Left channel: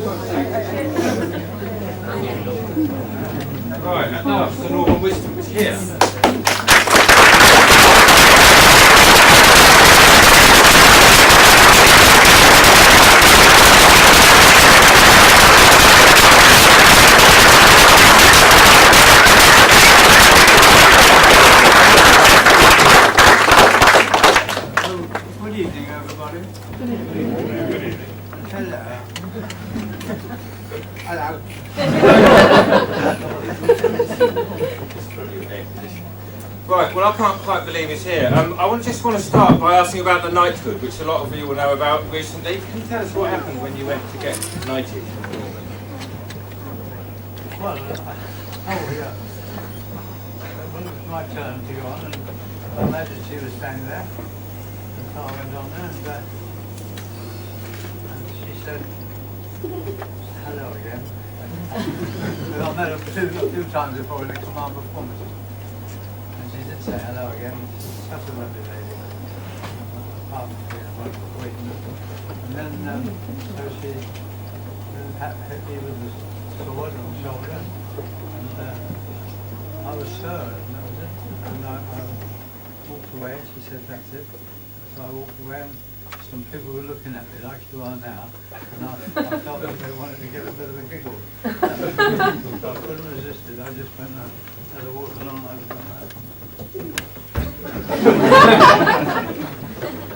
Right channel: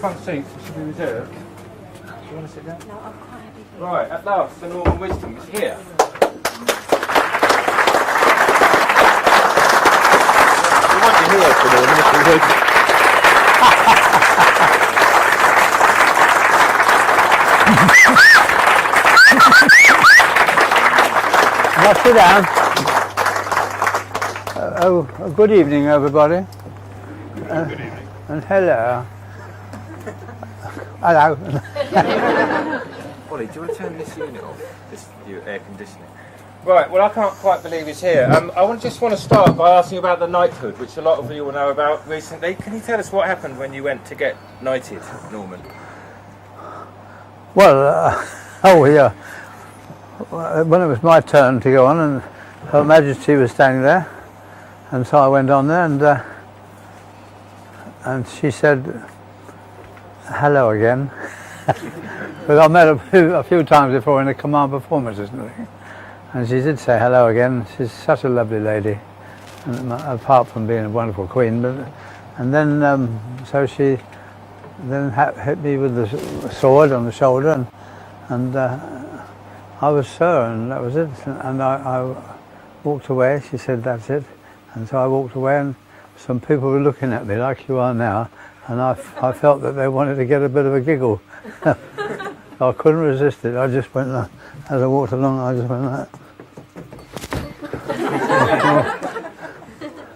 Right, at last, the Norman Wisdom is here. Good evening, everybody. And hello. Hello. Right, well I can't quite believe he's here. Just want to start by asking about the knighthood, which a lot of you will know about recently. Can you tell us what happened when you went to get knighted, Norman? Well, when it was my turn to go on, and Her Majesty was standing there, and so I went on there, and she said, hello again. But I met her a few times before in the command performances. And she did say hello again. She's such a lovely lady, apart from being a wonderful queen. And then, so she then hit me with the sword on the shoulder, and I was sir, and that was it. And I walked away. She said, that's it. And so I walked away, and some people were looking at me like you are now, and I felt that they wanted to get a bit of a giggle. So I couldn't resist it. I just went like, as I walked along, I just went like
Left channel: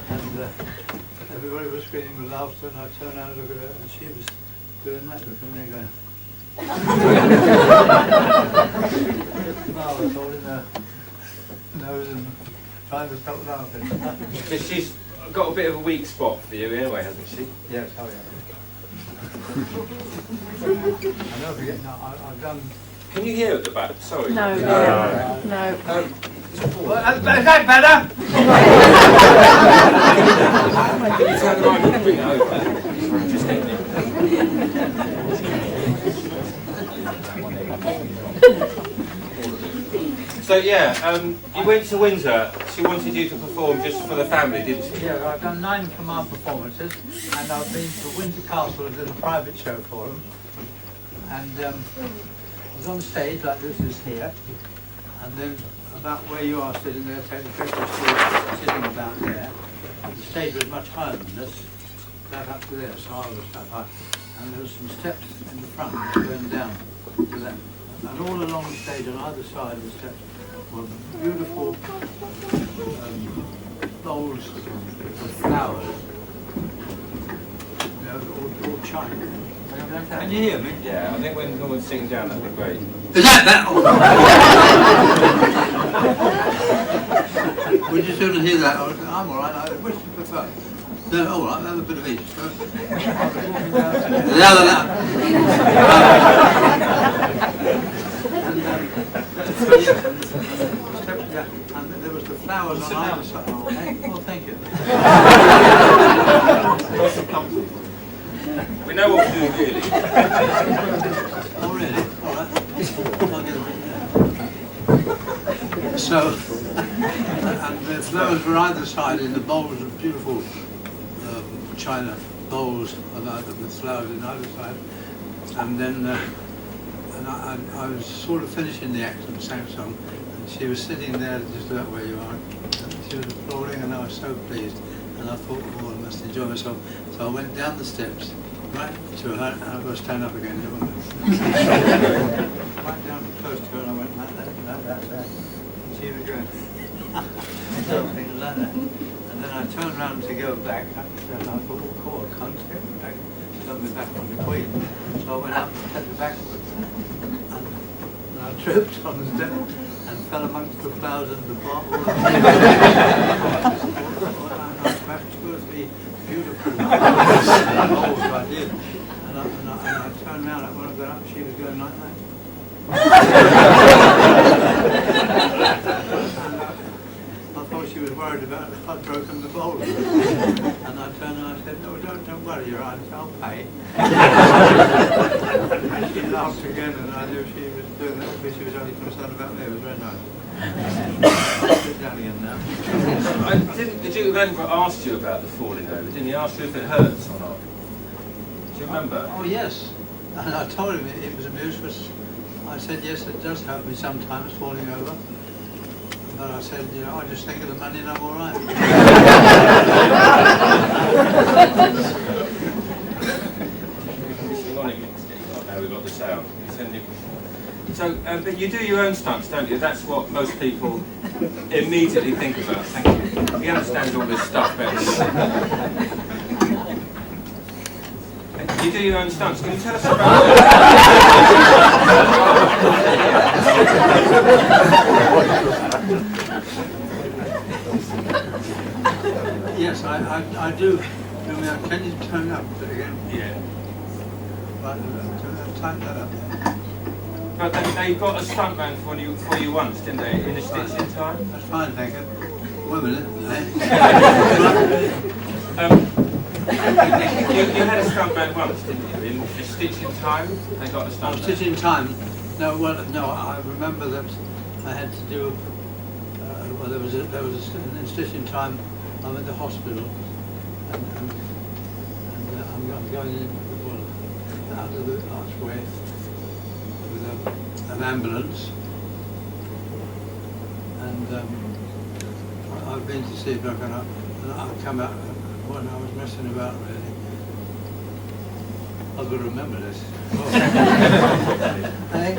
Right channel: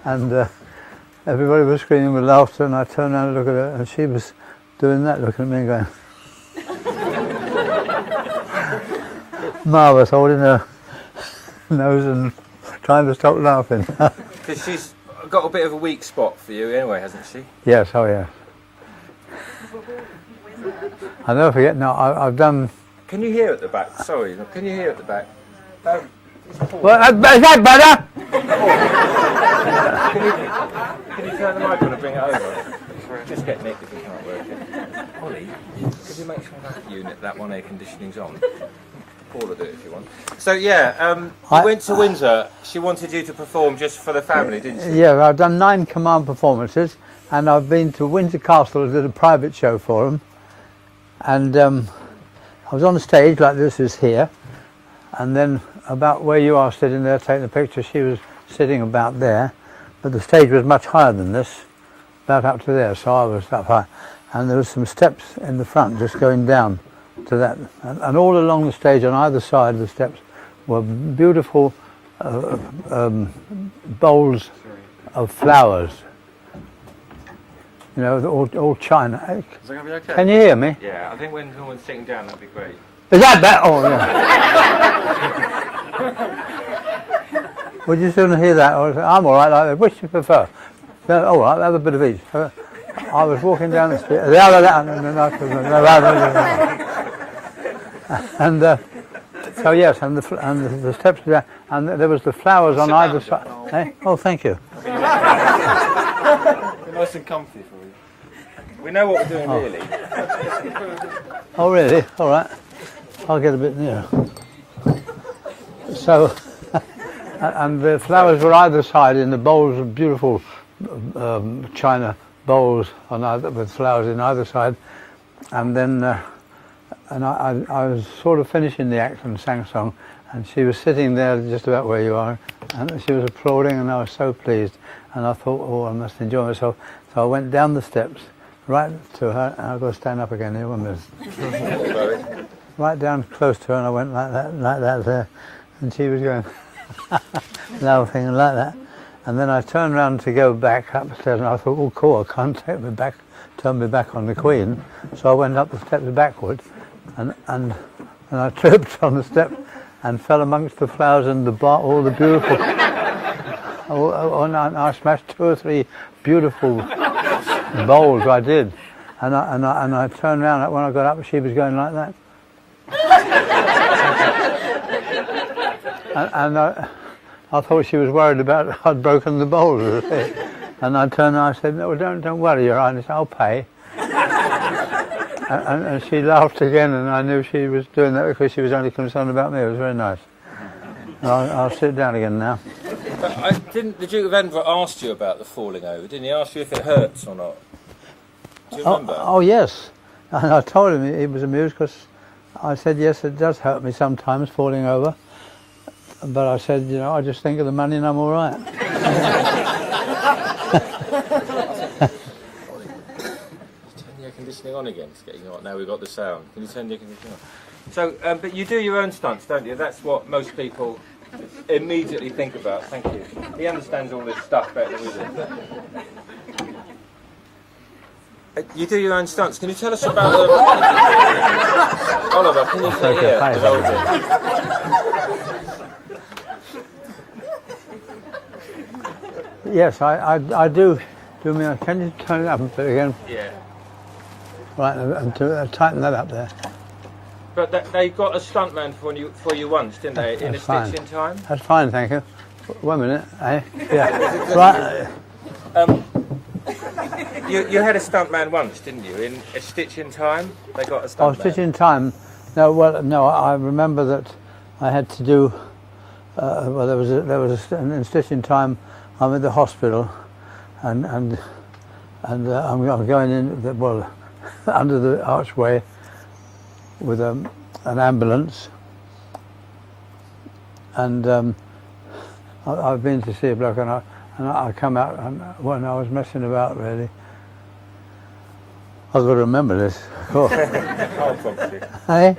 and everybody was screaming with laughter, and I turned around and looked at her, and she was doing that, looking at me and going marvellous, holding her nose and trying to stop laughing. She's got a bit of a weak spot for you anyway, hasn't she? Yes, oh yeah. I'll never forget, no, I've done... Can you hear at the back? Sorry. No. Well, is that better? Can you turn the microphone over? So yeah, you went to Windsor. She wanted you to perform just for the family, didn't she? Yeah, I've done 9 command performances, and I've been to Windsor Castle, did a private show for them, and I was on the stage like this is here, and then about where you are sitting there taking the picture, she was sitting about there, but the stage was much higher than this, about up to there, so I was up high, and there was some steps in the front just going down to that, and all along the stage on either side of the steps were beautiful bowls of flowers, you know, all china. Can you hear me? Yeah, I think when Norman's sitting down, that'd be great. Is that? Oh, no. Would you sooner hear that? I'm all right like that. Which do you prefer? No, all right, have a bit of each. So I was walking down the street. And so yes, and the steps there, and there was the flowers on either side. Eh? Oh, thank you. We know what to do, really. Oh, really? All right. I'll get a bit nearer. So, and the flowers were either side in the bowls of beautiful china bowls on either, with flowers in either side, and then and I was sort of finishing the act and sang a song, and she was sitting there just about where you are, and she was applauding, and I was so pleased, and I thought, oh, I must enjoy myself. So I went down the steps right to her, and I've got to stand up again here, won't I? Right down close to her, and I went like that there, and she was going laughing and like that. And then I turned round to go back upstairs, and I thought, oh, cool, I can't turn me back on the Queen. So I went up the steps backwards, and I tripped on the step and fell amongst the flowers and all the beautiful. I smashed 2 or 3 beautiful bowls. I did, and I turned around when I got up. She was going like that, and I thought she was worried about I'd broken the bowls or thing. And I turned and I said, no, don't worry, Your Highness, I'll pay. and she laughed again, and I knew she was doing that because she was only concerned about me. It was very nice. I'll sit down again now. The Duke of Edinburgh asked you about the falling over. Didn't he ask you if it hurts or not? Do you remember? Oh yes, and I told him he was amused because I said yes, it does hurt me sometimes falling over, but I said, you know, I just think of the money and I'm all right. Hang on again. Now we've got the sound. So, but you do your own stunts, don't you? That's what most people immediately think about. Thank you. He understands all this stuff better. You do your own stunts. Can you tell us about Yes, I do. Can you turn it up a bit again? Yeah. Right, and tighten that up there. But they got a stuntman for you once, didn't they? In a Stitch in Time. That's fine, thank you. 1 minute, eh? Yeah. Right. You had a stuntman once, didn't you? In a Stitch in Time, they got a stuntman. Oh, Stitch in Time. No, well, no. I remember that I had to do. Well, there was in Stitch in Time. I'm in the hospital, and I'm going in. Well, under the archway with an ambulance, and I've been to see a bloke, and I come out, and when I was messing about really. I've got to remember this. Hey?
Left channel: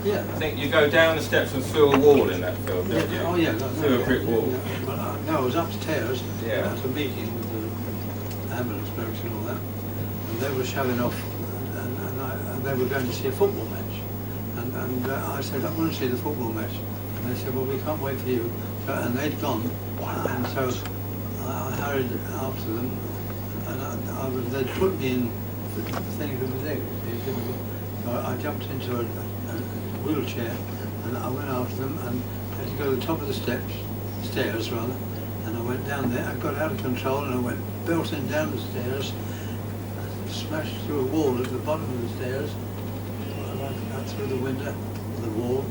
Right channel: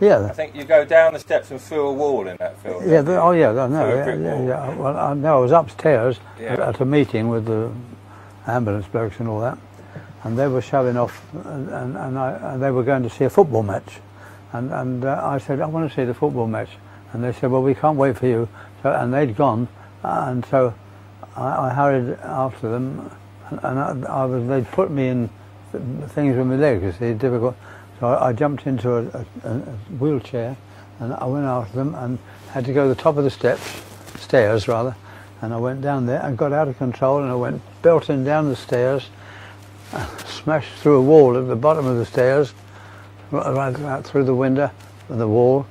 Yeah. I think you go down the steps and through a wall in that film. Yeah, but, oh yeah, I know. Through a brick wall. Yeah. Well, I know. I was upstairs Yeah. at a meeting with the ambulance blokes and all that, and they were shoving off, and they were going to see a football match, and I said, I want to see the football match, and they said, well, we can't wait for you, and they'd gone, and so I hurried after them, and they'd put me in things with my legs, you see, it's difficult. So I jumped into a wheelchair, and I went after them and had to go to the top of the stairs rather, and I went down there and got out of control, and I went belting down the stairs, smashed through a wall at the bottom of the stairs, right out through the window, the wall.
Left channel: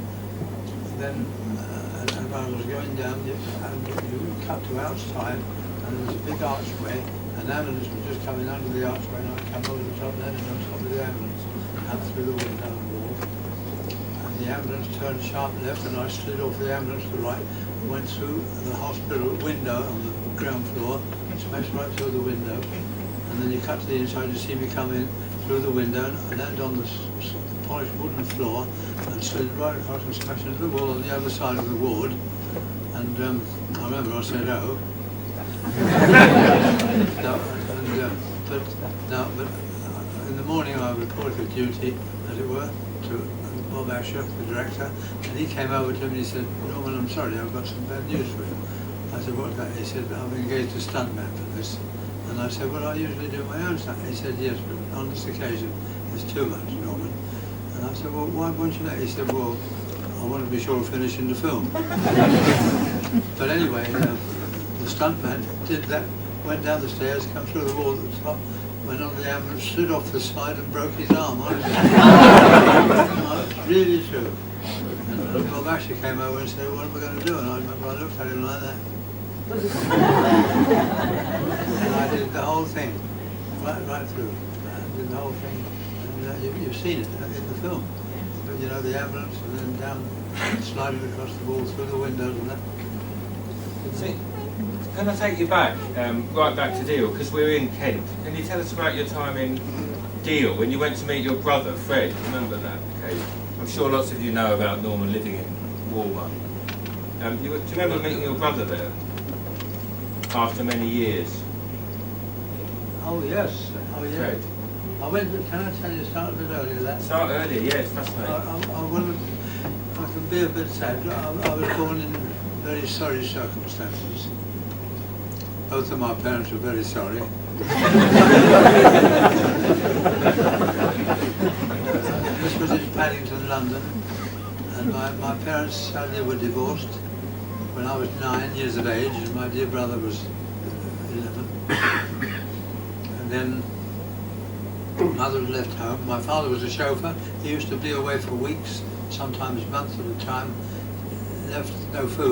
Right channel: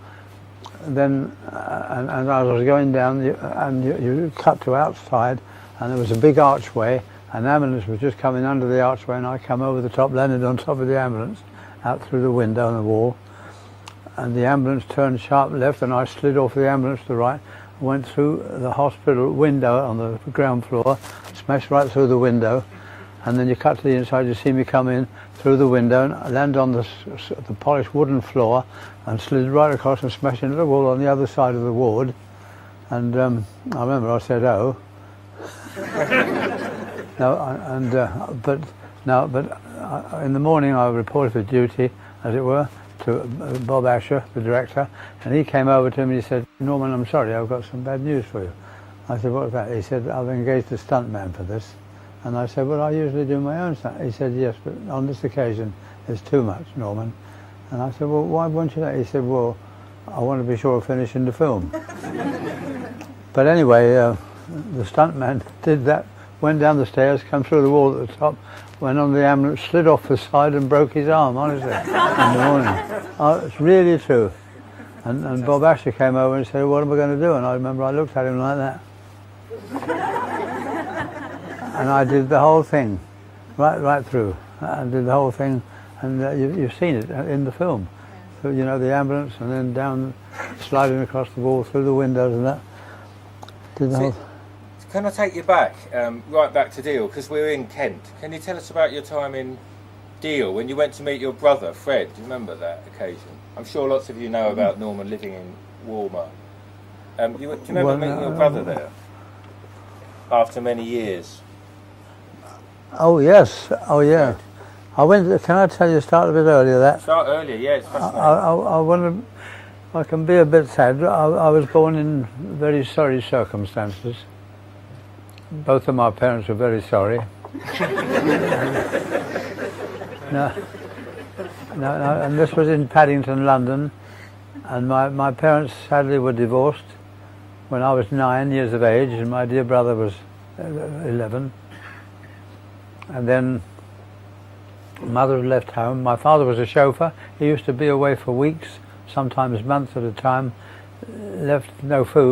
Then, and I was going down, and you cut to outside, and there was a big archway. An ambulance was just coming under the archway, and I come over the top, landed on top of the ambulance, out through the window and the wall. And the ambulance turned sharp left, and I slid off the ambulance to the right, went through the hospital window on the ground floor, smashed right through the window, and then you cut to the inside, you see me come in through the window, and I land on the polished wooden floor, and slid right across and smashed into the wall on the other side of the ward. And I remember I said, oh. But in the morning I reported for duty, as it were, to Bob Asher, the director, and he came over to me and he said, Norman, I'm sorry, I've got some bad news for you. I said, what's that? He said, I've engaged a stuntman for this. And I said, well, I usually do my own stunt. He said, yes, but on this occasion it's too much, Norman. And I said, well, why won't you know? He said, well, I want to be sure of finishing the film. But anyway, the stuntman did that, went down the stairs, come through the wall at the top, went on the ambulance, slid off the side and broke his arm, honestly. Oh, it's really true. And Bob Asher came over and said, what am I going to do? And I remember I looked at him like that. And I did the whole thing, right through. I did the whole thing, and you've seen it in the film. So, you know, the ambulance, and then down, sliding across the wall, through the windows and that. Did the whole. Can I take you back, right back to Deal, because we're in Kent. Can you tell us about your time in Deal, when you went to meet your brother, Fred? Remember that occasion? I'm sure lots of you know about Norman living in Walmart. Do you remember meeting your brother there, after many years? Oh yes, oh yeah. I went, can I tell you, start a bit earlier that? Start earlier, yes. I wonder, I can be a bit sad, but I was born in very sorry circumstances. Both of my parents were very sorry. And this was in Paddington, London, and my parents sadly were divorced when I was 9 years of age, and my dear brother was 11. And then mother left home. My father was a chauffeur. He used to be away for weeks, sometimes months at a time, left no food.